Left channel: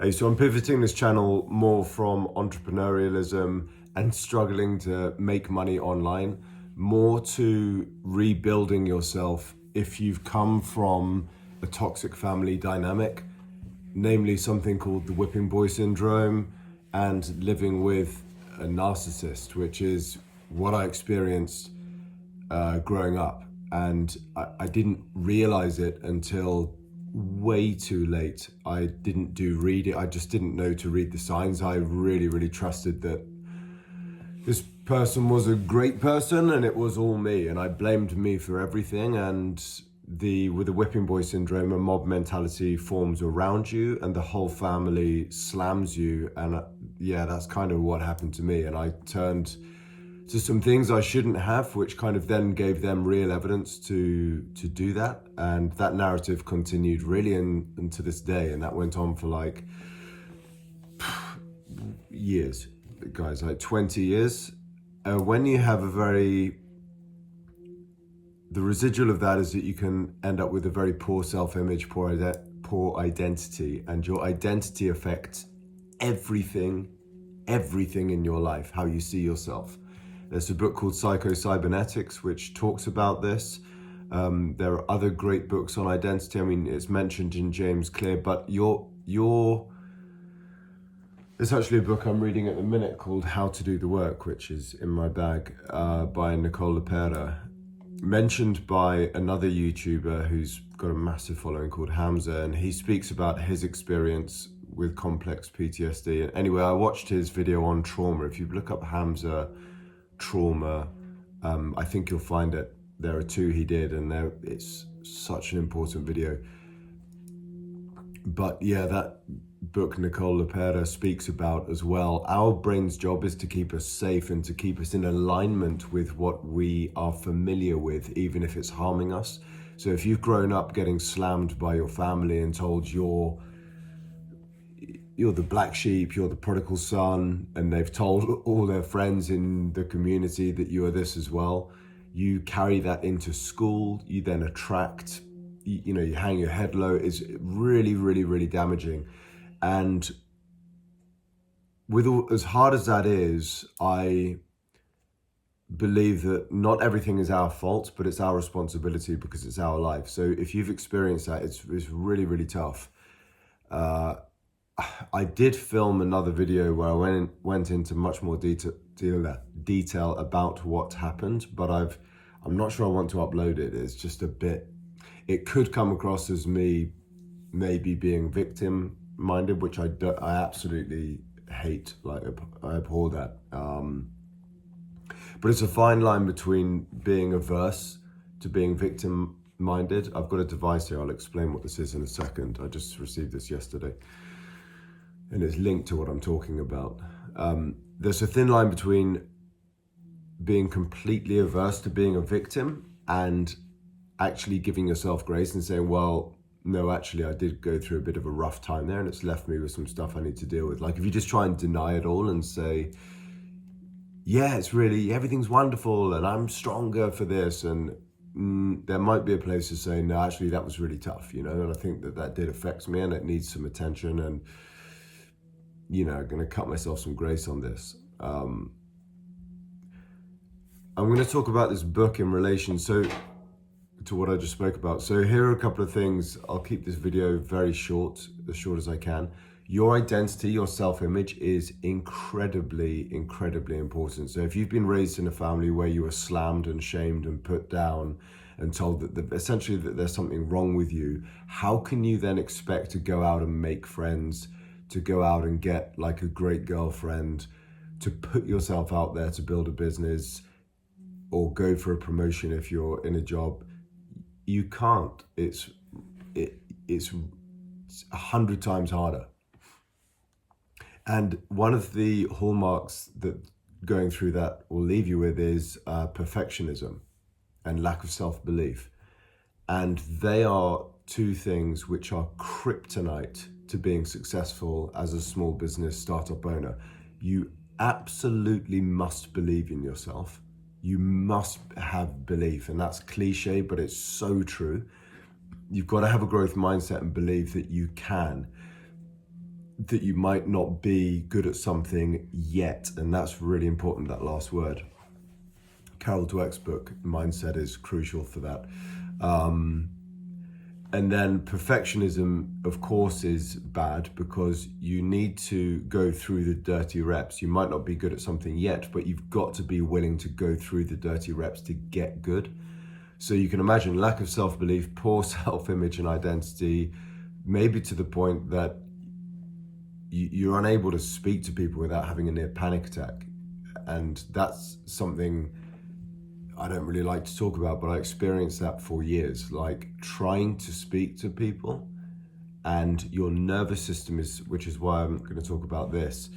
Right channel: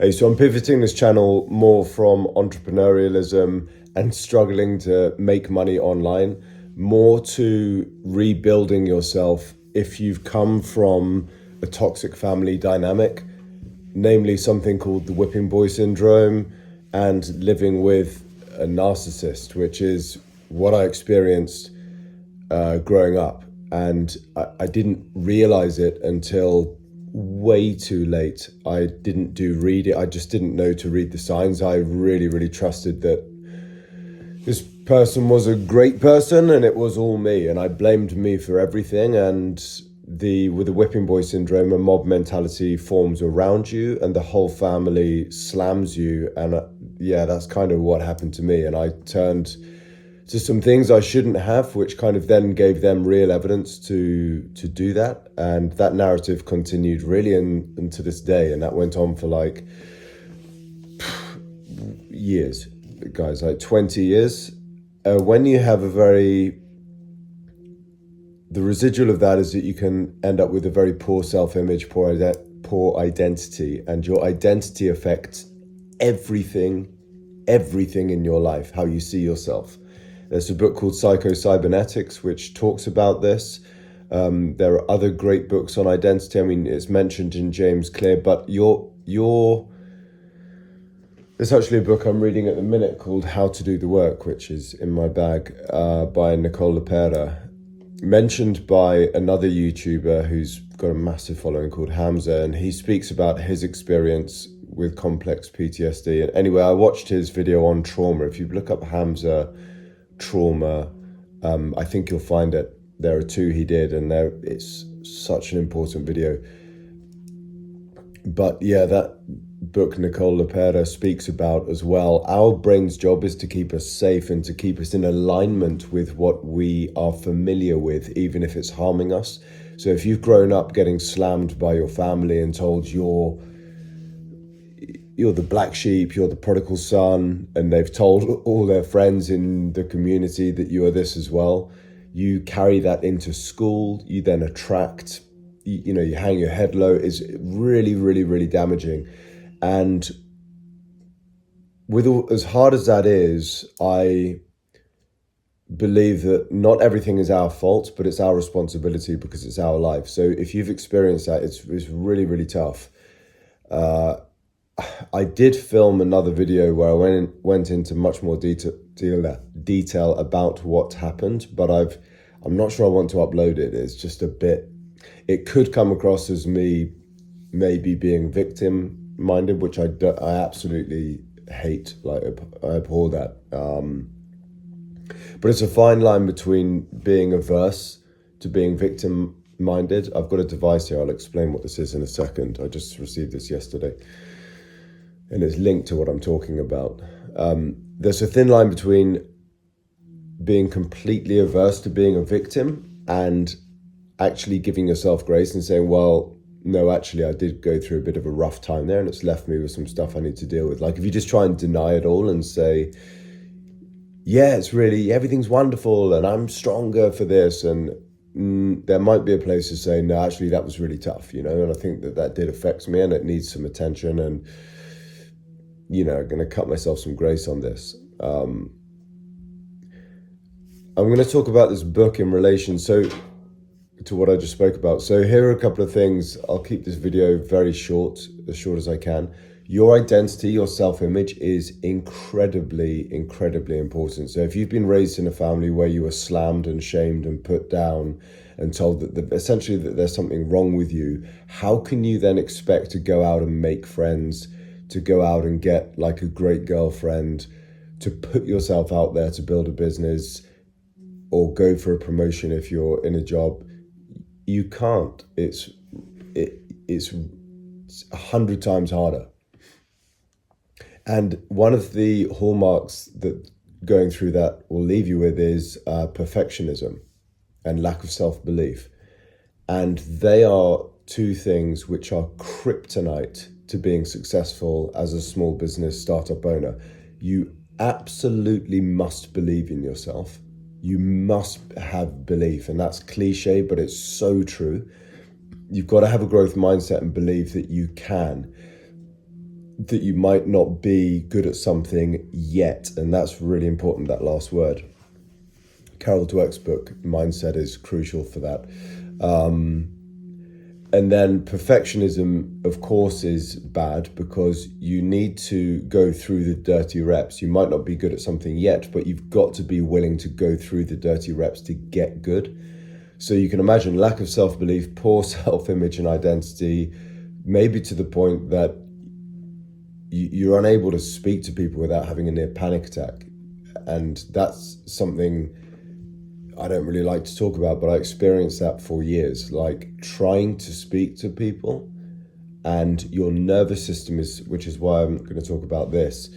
Hey, so I'm pivoting this channel more from entrepreneurialism and struggling to make money online, more to rebuilding yourself if you've come from a toxic family dynamic, namely something called the whipping boy syndrome and living with a narcissist, which is what I experienced growing up. And I didn't realize it until way too late. I didn't do read it. I just didn't know to read the signs. I really, really trusted that this person was a great person and it was all me. And I blamed me for everything. And with the whipping boy syndrome, a mob mentality forms around you and the whole family slams you. And yeah, that's kind of what happened to me. And I turned to some things I shouldn't have, which kind of then gave them real evidence to do that. And that narrative continued really into this day. And that went on for like years, guys, like 20 years. When you have the residual of that is that you can end up with a very poor self-image, poor identity, and your identity affects everything in your life, how you see yourself. There's a book called Psycho-Cybernetics, which talks about this. There are other great books on identity. I mean, it's mentioned in James Clear, but there's actually a book I'm reading at the minute called How to Do the Work, which is in my bag, by Nicole LePera, mentioned by another YouTuber who's got a massive following called Hamza, and he speaks about his experience with complex PTSD. And anyway, I watched his video on trauma. If you look up Hamza trauma, I think you'll find it. There are two he did, and it's such an important video. But yeah, that book Nicole LePera speaks about as well. Our brain's job is to keep us safe and to keep us in alignment with what we are familiar with, even if it's harming us. So if you've grown up getting slammed by your family and told you're the black sheep, you're the prodigal son, and they've told all their friends in the community that you are this as well, you carry that into school, you then attract, you hang your head low. Is really, really, really damaging. And as hard as that is, I believe that not everything is our fault, but it's our responsibility because it's our life. So if you've experienced that, it's really, really tough. I did film another video where I went into much more detail about what happened, but I'm not sure I want to upload it. It's just a bit, it could come across as me maybe being victim minded, which I absolutely hate. Like, I abhor that. But it's a fine line between being averse to being victim minded. I've got a device here. I'll explain what this is in a second. I just received this yesterday, and it's linked to what I'm talking about. There's a thin line between being completely averse to being a victim and actually giving yourself grace and saying, well, no, actually, I did go through a bit of a rough time there and it's left me with some stuff I need to deal with. Like, if you just try and deny it all and say, yeah, it's really, everything's wonderful and I'm stronger for this, and there might be a place to say, no, actually, that was really tough, and I think that did affect me and it needs some attention, and I'm going to cut myself some grace on this. I'm going to talk about this book in relation to what I just spoke about. So here are a couple of things. I'll keep this video very short, as short as I can. Your identity, your self-image is incredibly, incredibly important. So if you've been raised in a family where you were slammed and shamed and put down and told that essentially that there's something wrong with you, how can you then expect to go out and make friends, to go out and get like a great girlfriend, to put yourself out there to build a business or go for a promotion if you're in a job? You can't. It's 100 times harder. And one of the hallmarks that going through that will leave you with is perfectionism and lack of self-belief. And they are two things which are kryptonite to being successful as a small business startup owner. You absolutely must believe in yourself. You must have belief, and that's cliche, but it's so true. You've got to have a growth mindset and believe that you can. that you might not be good at something yet. And that's really important, that last word. Carol Dweck's book, Mindset, is crucial for that. And then perfectionism, of course, is bad because you need to go through the dirty reps. You might not be good at something yet, but you've got to be willing to go through the dirty reps to get good. So you can imagine lack of self-belief, poor self-image and identity, maybe to the point that you're unable to speak to people without having a near panic attack. And that's something I don't really like to talk about, but I experienced that for years, like trying to speak to people, and your nervous system is, which is why I'm going to talk about this,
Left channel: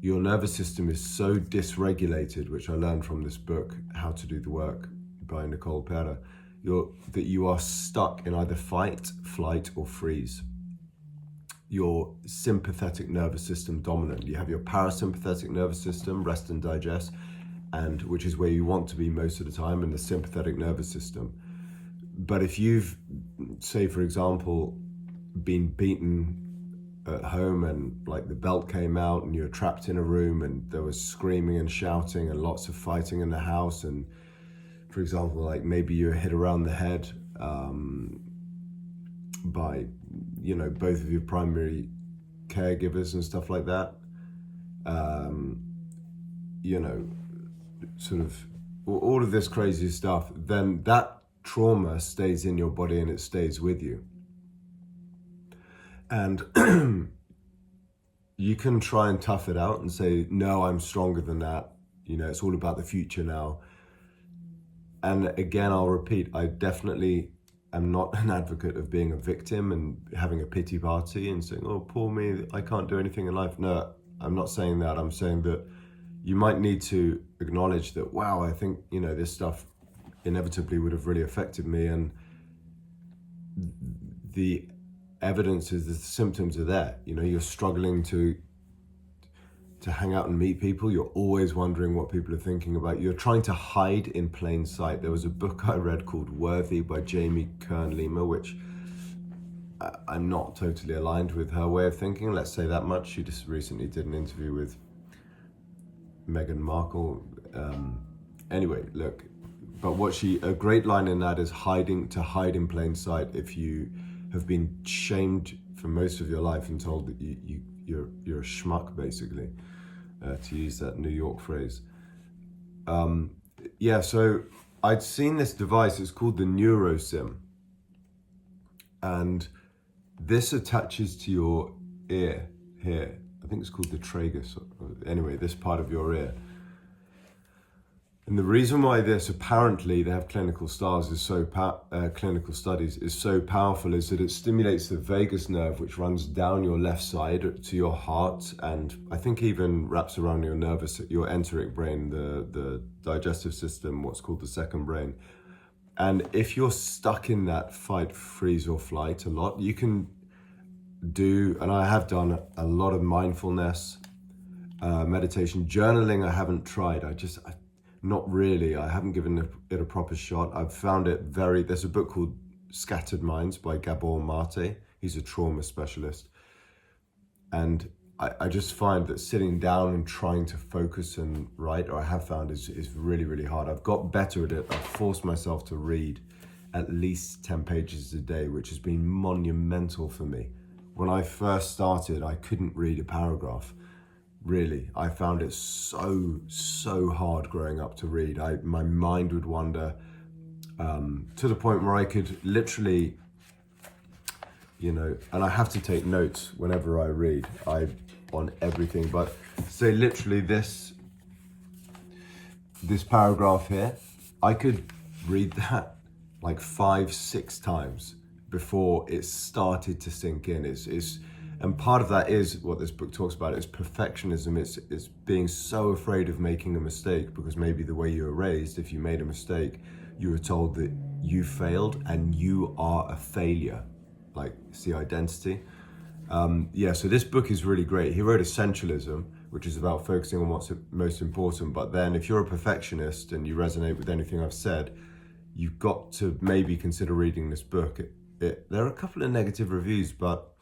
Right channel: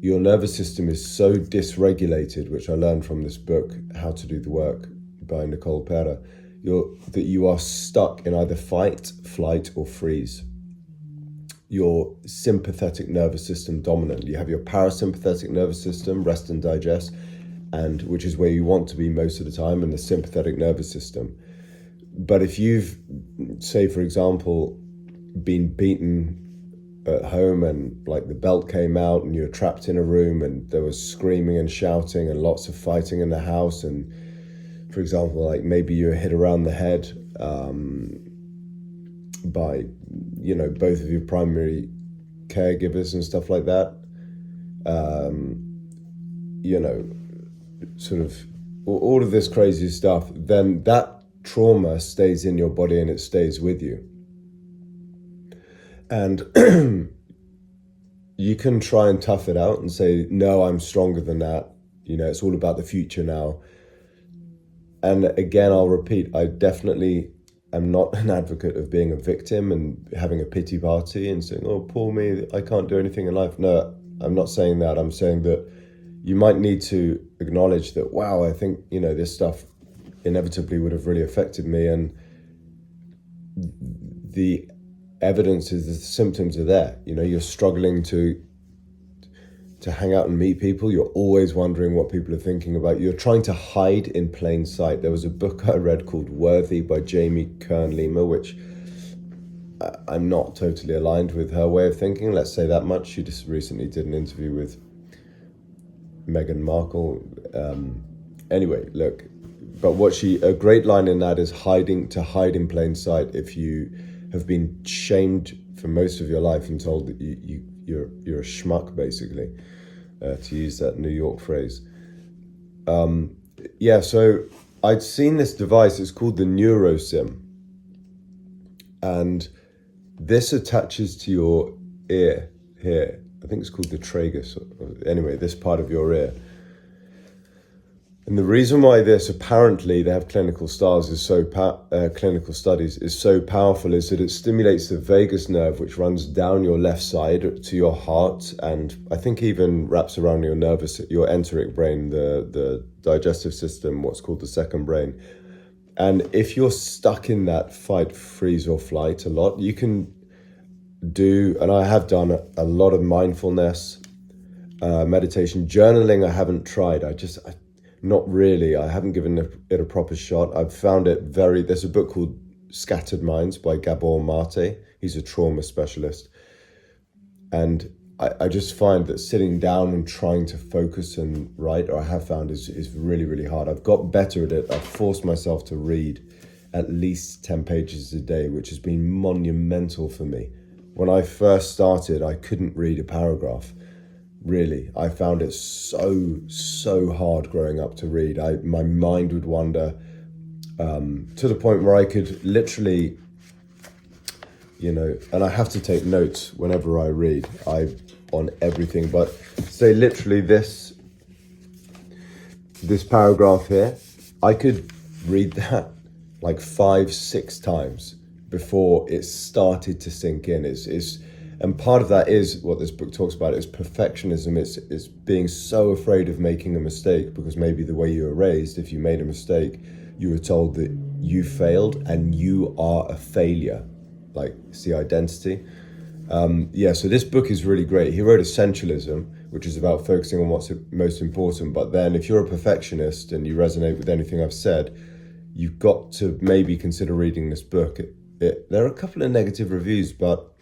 your nervous system is so dysregulated, which I learned from this book, How to Do the Work by Nicole Pera, that you are stuck in either fight, flight, or freeze. Your sympathetic nervous system dominant. You have your parasympathetic nervous system, rest and digest, and which is where you want to be most of the time, in the sympathetic nervous system. But if you've, say for example, been beaten at home and like the belt came out and you're trapped in a room and there was screaming and shouting and lots of fighting in the house, and for example, like maybe you're hit around the head by, you know, both of your primary caregivers and stuff like that, you know, sort of all of this crazy stuff, then that trauma stays in your body and it stays with you. And you can try and tough it out and say, no, I'm stronger than that. You know, it's all about the future now. And again, I'll repeat, I definitely am not an advocate of being a victim and having a pity party and saying, oh, poor me, I can't do anything in life. No, I'm not saying that. I'm saying that you might need to acknowledge that, wow, I think, you know, this stuff inevitably would have really affected me. And the evidence is the symptoms are there. You know, you're struggling to hang out and meet people. You're always wondering what people are thinking about you. You're trying to hide in plain sight. There was a book I read called Worthy by Jamie Kern-Lima, which I'm not totally aligned with her way of thinking. Let's say that much. She just recently did an interview with Meghan Markle. Anyway, look, but a great line in that is hide in plain sight. If you have been shamed for most of your life and told that you're a schmuck, basically, to use that New York phrase. So I'd seen this device. It's called the NeuroSim, and this attaches to your ear here. I think it's called the tragus. Anyway, this part of your ear. And the reason why this, apparently they have clinical studies, is so powerful is that it stimulates the vagus nerve, which runs down your left side to your heart, and I think even wraps around your enteric brain, the digestive system, what's called the second brain. And if you're stuck in that fight, freeze, or flight a lot, you can do, and I have done a lot of mindfulness, meditation, journaling. I haven't tried. Not really. I haven't given it a proper shot. I've found it there's a book called Scattered Minds by Gabor Mate. He's a trauma specialist. And I just find that sitting down and trying to focus and write, or I have found, is really, really hard. I've got better at it. I've forced myself to read at least 10 pages a day, which has been monumental for me. When I first started, I couldn't read a paragraph. Really, I found it so hard growing up to read. My mind would wander to the point where I could literally, you know, and I have to take notes whenever I read, on everything. But say literally this paragraph here, I could read that like 5-6 times before it started to sink in. And part of that is what this book talks about, is perfectionism. It's being so afraid of making a mistake, because maybe the way you were raised, if you made a mistake, you were told that you failed and you are a failure. Like, see, identity. So this book is really great. He wrote Essentialism, which is about focusing on what's most important. But then if you're a perfectionist and you resonate with anything I've said, you've got to maybe consider reading this book. There are a couple of negative reviews, but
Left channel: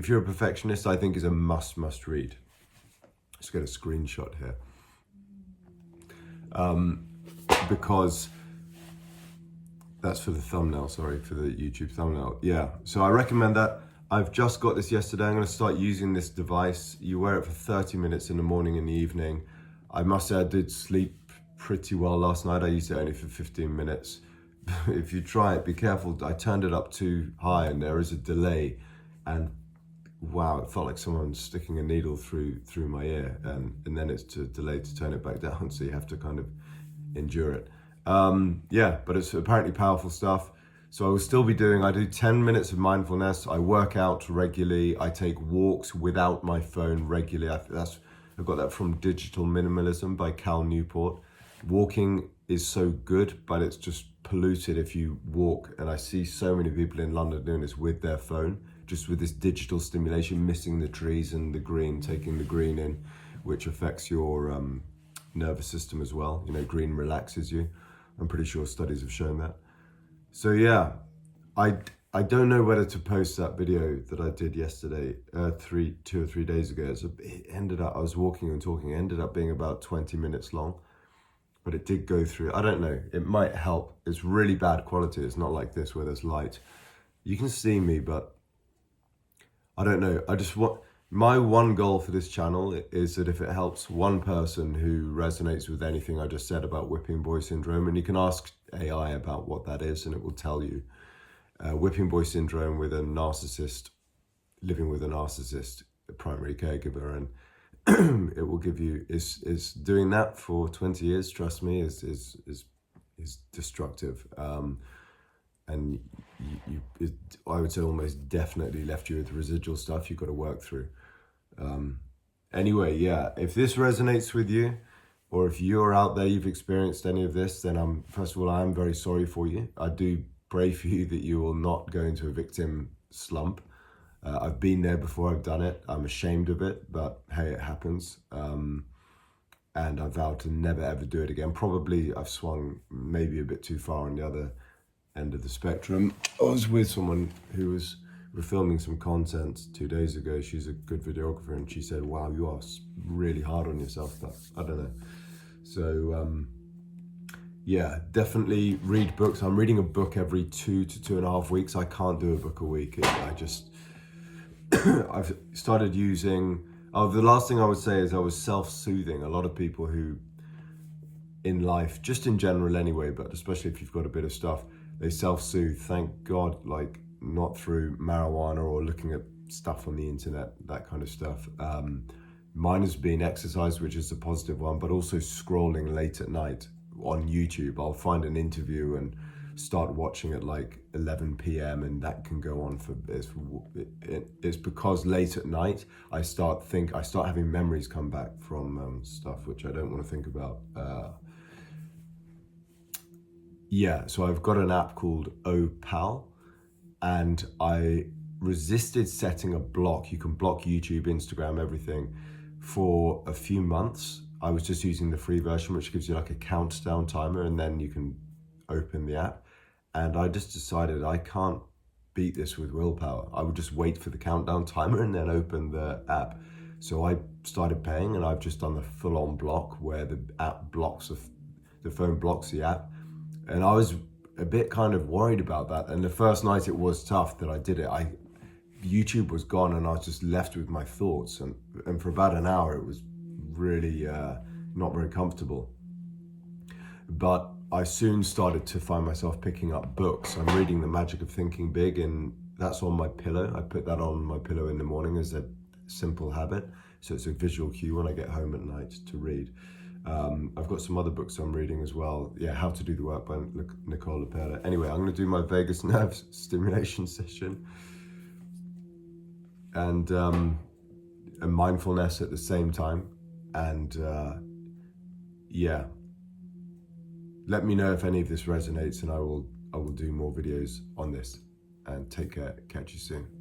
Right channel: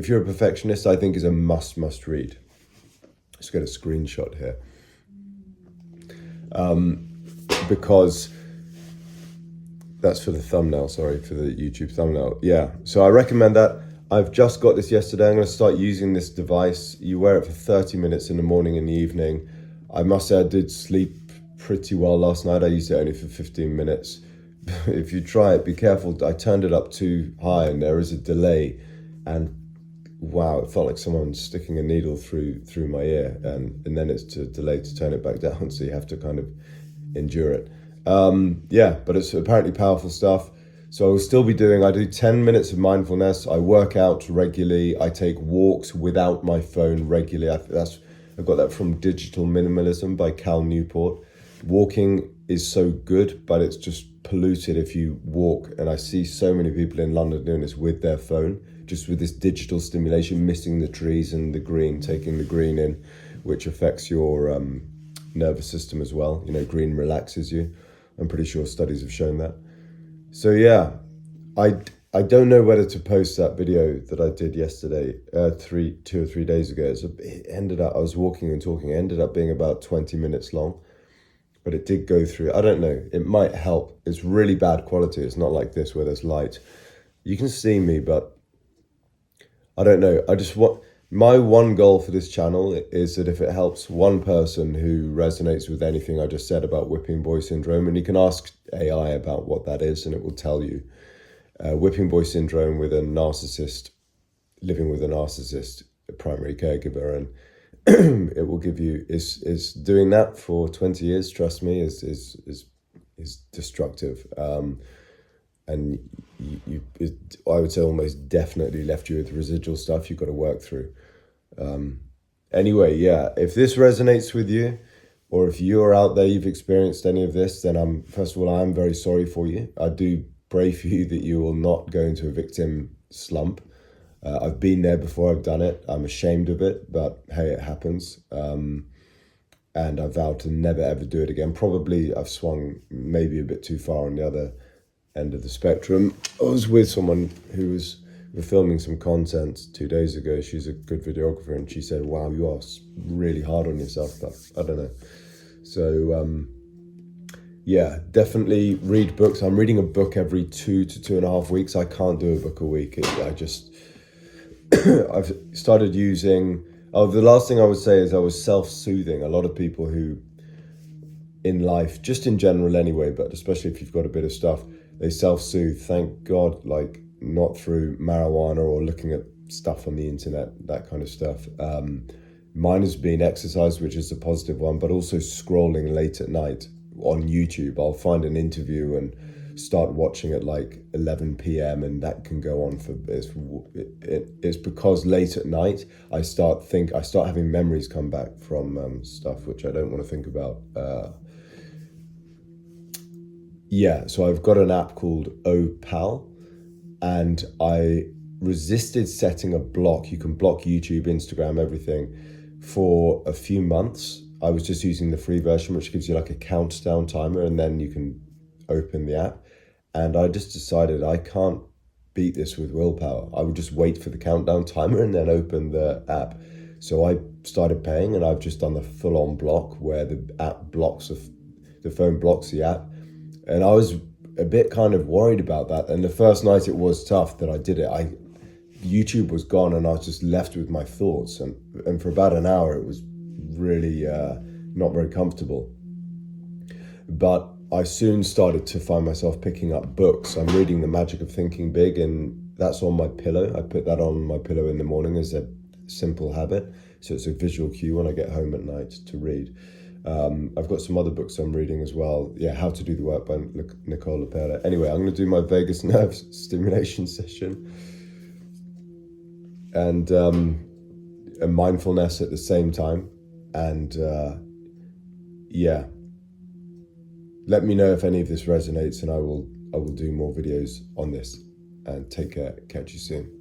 if you're a perfectionist, I think is a must read. Let's get a screenshot here. Because that's for the thumbnail, sorry, for the YouTube thumbnail. Yeah, so I recommend that. I've just got this yesterday. I'm going to start using this device. You wear it for 30 minutes in the morning and the evening. I must say I did sleep pretty well last night. I used it only for 15 minutes. If you try it, be careful. I turned it up too high and there is a delay, and wow, it felt like someone sticking a needle through my ear, and then it's a delay to turn it back down, so you have to kind of endure it. Yeah, but it's apparently powerful stuff. So I will still be I do 10 minutes of mindfulness. I work out regularly. I take walks without my phone regularly. I've got that from Digital Minimalism by Cal Newport. Walking is so good, but it's just polluted if you walk. And I see so many people in London doing this with their phone, just with this digital stimulation, missing the trees and the green, taking the green in, which affects your nervous system as well. You know, green relaxes you. I'm pretty sure studies have shown that. So yeah, I don't know whether to post that video that I did yesterday, 2 or 3 days ago. It ended up, I was walking and talking, it ended up being about 20 minutes long, but it did go through. I don't know, it might help. It's really bad quality. It's not like this where there's light. You can see me, but I don't know. My one goal for this channel is that if it helps one person who resonates with anything I just said about whipping boy syndrome, and you can ask AI about what that is and it will tell you. Whipping boy syndrome with a narcissist, living with a narcissist, a primary caregiver, and it will give you, is doing that for 20 years, trust me, is destructive. And I would say almost definitely left you with residual stuff you've got to work through. Anyway, yeah, if this resonates with you, or if you're out there, you've experienced any of this, then first of all, I am very sorry for you. I do pray for you that you will not go into a victim slump. I've been there before, I've done it. I'm ashamed of it, but hey, it happens. And I vowed to never ever do it again. Probably I've swung maybe a bit too far on the other end of the spectrum. I was with someone who we're filming some content 2 days ago. She's a good videographer, and she said, wow, you are really hard on yourself, but I don't know. So yeah, definitely read books. I'm reading a book every 2 to 2.5 weeks. I can't do a book a week. I've started using, the last thing I would say is I was self-soothing. A lot of people who in life, just in general anyway, but especially if you've got a bit of stuff, they self-soothe. Thank God, like not through marijuana or looking at stuff on the internet, that kind of stuff. Mine has been exercise, which is the positive one, but also scrolling late at night on YouTube. I'll find an interview and start watching at like 11 p.m. and that can go on for, it's because late at night I start having memories come back from stuff which I don't want to think about. Yeah, so I've got an app called Opal, and I resisted setting a block. You can block YouTube, Instagram, everything for a few months. I was just using the free version, which gives you like a countdown timer, and then you can open the app. And I just decided I can't beat this with willpower. I would just wait for the countdown timer and then open the app. So I started paying, and I've just done the full-on block where the app blocks, the phone blocks the app. And I was a bit kind of worried about that. And the first night it was tough that I did it. YouTube was gone and I was just left with my thoughts. And for about an hour, it was really not very comfortable. But I soon started to find myself picking up books. I'm reading The Magic of Thinking Big, and that's on my pillow. I put that on my pillow in the morning as a simple habit. So it's a visual cue when I get home at night to read. I've got some other books I'm reading as well. Yeah, How to Do the Work by Nicole LaPerla. Anyway, I'm going to do my vagus nerve stimulation session and a mindfulness at the same time. And yeah, let me know if any of this resonates, and I will do more videos on this. And take care. Catch you soon.